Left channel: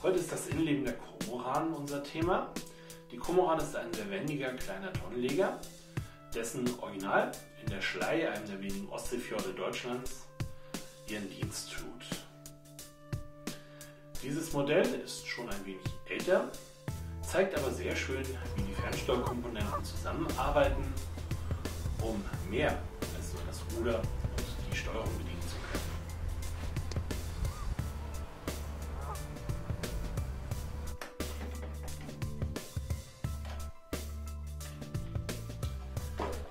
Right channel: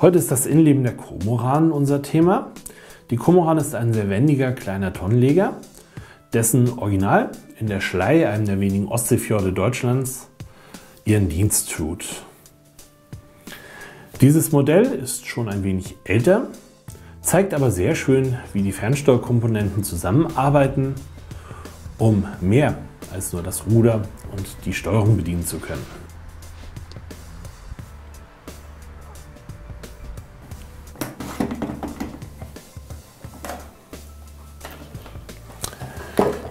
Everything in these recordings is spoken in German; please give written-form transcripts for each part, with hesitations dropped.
Heute ist das Innenleben der Kormoran unser Thema. Die Kormoran ist ein sehr wendiger kleiner Tonnenleger, dessen Original in der Schlei, einem der wenigen Ostseefjorde Deutschlands, ihren Dienst tut. Dieses Modell ist schon ein wenig älter, zeigt aber sehr schön, wie die Fernsteuerkomponenten zusammenarbeiten, um mehr als nur das Ruder und die Steuerung bedienen zu können.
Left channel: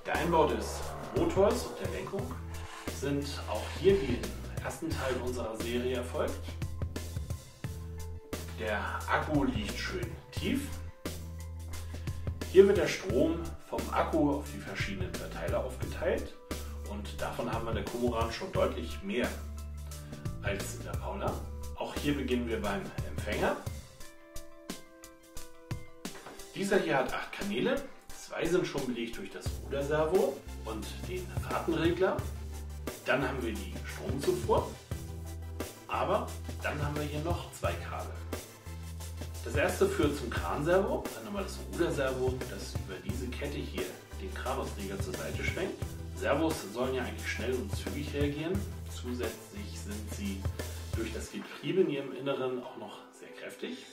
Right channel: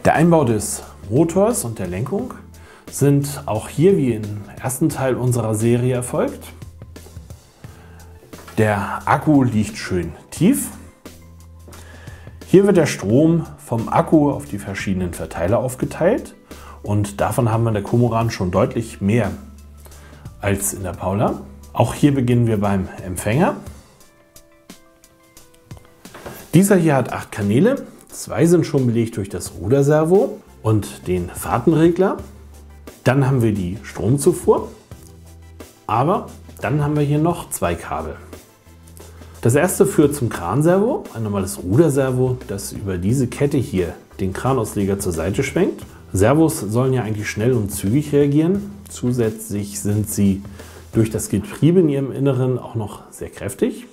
Der Einbau des Motors und der Lenkung sind auch hier wie im ersten Teil unserer Serie erfolgt. Der Akku liegt schön tief. Hier wird der Strom vom Akku auf die verschiedenen Verteiler aufgeteilt und davon haben wir in der Kormoran schon deutlich mehr als in der Paula. Auch hier beginnen wir beim Empfänger. Dieser hier hat 8 Kanäle. 2 sind schon belegt durch das Ruderservo und den Fahrtenregler. Dann haben wir die Stromzufuhr, aber dann haben wir hier noch 2 Kabel. Das erste führt zum Kranservo, ein normales Ruderservo, das über diese Kette hier den Kranausleger zur Seite schwenkt. Servos sollen ja eigentlich schnell und zügig reagieren. Zusätzlich sind sie durch das Getriebe in ihrem Inneren auch noch sehr kräftig.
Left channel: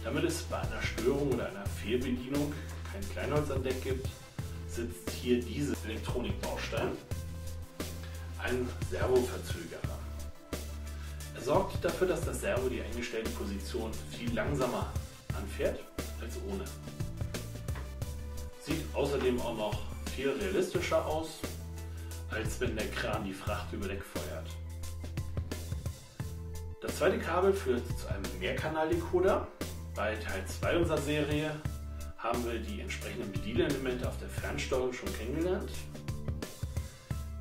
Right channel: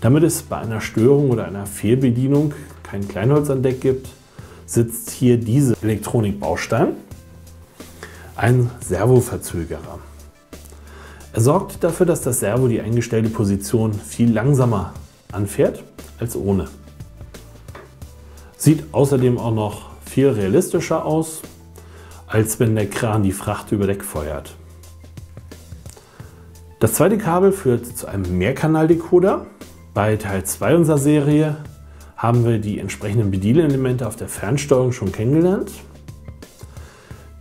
Damit es bei einer Störung oder einer Fehlbedienung kein Kleinholz an Deck gibt, sitzt hier dieser Elektronikbaustein, ein Servoverzögerer. Er sorgt dafür, dass das Servo die eingestellte Position viel langsamer anfährt als ohne. Sieht außerdem auch noch viel realistischer aus, als wenn der Kran die Fracht über Deck feuert. Das zweite Kabel führt zu einem Mehrkanaldecoder. Bei Teil 2 unserer Serie haben wir die entsprechenden Bedienelemente auf der Fernsteuerung schon kennengelernt.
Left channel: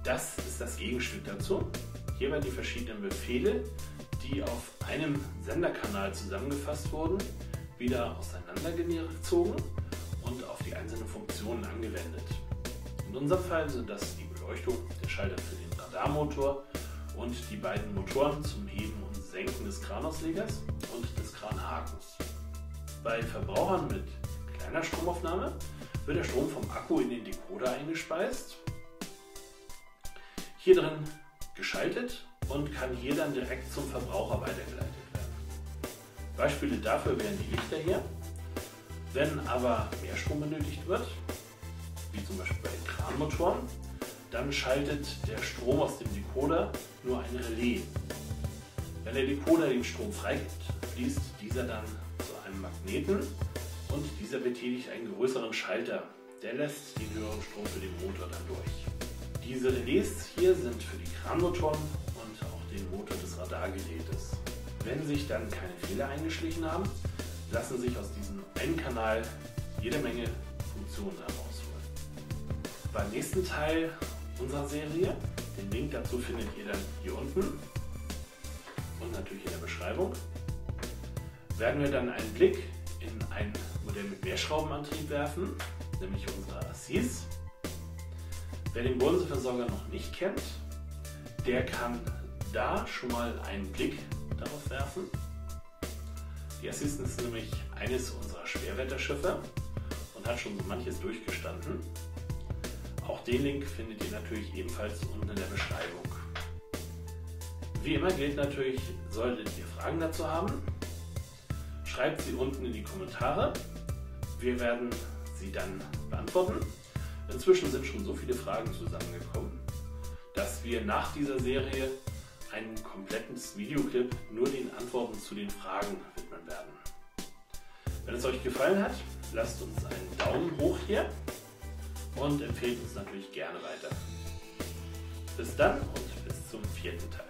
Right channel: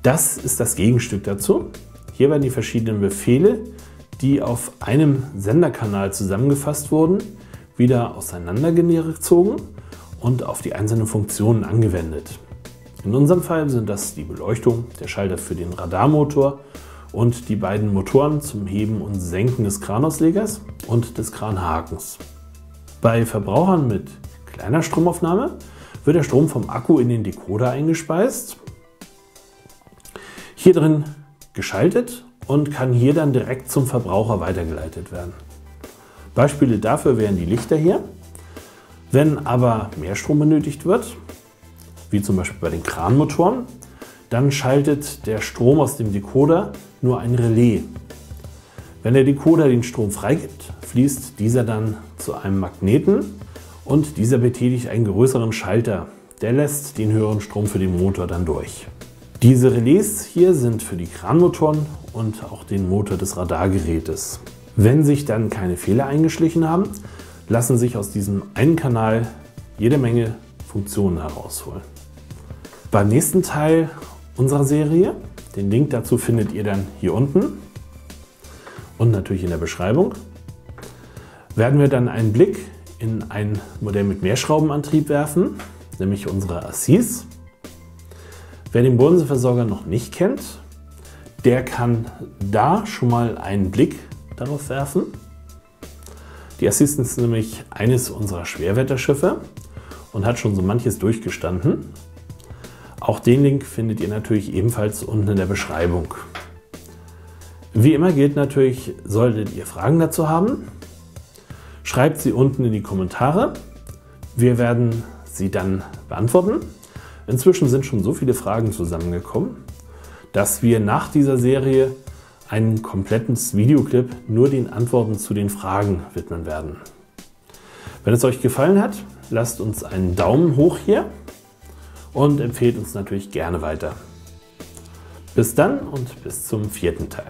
Das ist das Gegenstück dazu. Hier werden die verschiedenen Befehle, die auf einem Senderkanal zusammengefasst wurden, wieder auseinandergezogen und auf die einzelnen Funktionen angewendet. In unserem Fall sind das die Beleuchtung, der Schalter für den Radarmotor und die beiden Motoren zum Heben und Senken des Kranauslegers und des Kranhakens. Bei Verbrauchern mit kleiner Stromaufnahme wird der Strom vom Akku in den Decoder eingespeist, hier drin geschaltet und kann hier dann direkt zum Verbraucher weitergeleitet werden. Beispiele dafür wären die Lichter hier. Wenn aber mehr Strom benötigt wird, wie zum Beispiel bei den Kranmotoren, dann schaltet der Strom aus dem Decoder nur ein Relais. Wenn der Decoder den Strom freigibt, fließt dieser dann zu einem Magneten und dieser betätigt einen größeren Schalter. Der lässt den höheren Strom für den Motor dann durch. Diese Relais hier sind für die Kranmotoren und auch den Motor des Radargerätes. Wenn sich dann keine Fehler eingeschlichen haben, lassen sich aus diesem einen Kanal jede Menge Funktionen herausholen. Beim nächsten Teil unserer Serie, den Link dazu findet ihr dann hier unten und natürlich in der Beschreibung, werden wir dann einen Blick in ein Modell mit Mehrschraubenantrieb werfen, nämlich unsere Assis. Wer den Bodenseeversorger noch nicht kennt, der kann da schon mal einen Blick darauf werfen. Die Assis ist nämlich eines unserer Schwerwetterschiffe und hat schon so manches durchgestanden. Auch den Link findet ihr natürlich ebenfalls unten in der Beschreibung. Wie immer gilt natürlich, solltet ihr Fragen dazu haben, schreibt sie unten in die Kommentare. Wir werden sie dann beantworten. Inzwischen sind schon so viele Fragen zusammengekommen, dass wir nach dieser Serie ein komplettes Videoclip nur den Antworten zu den Fragen widmen werden. Wenn es euch gefallen hat, lasst uns einen Daumen hoch hier und empfehlt uns natürlich gerne weiter. Bis dann und bis zum 4. Teil.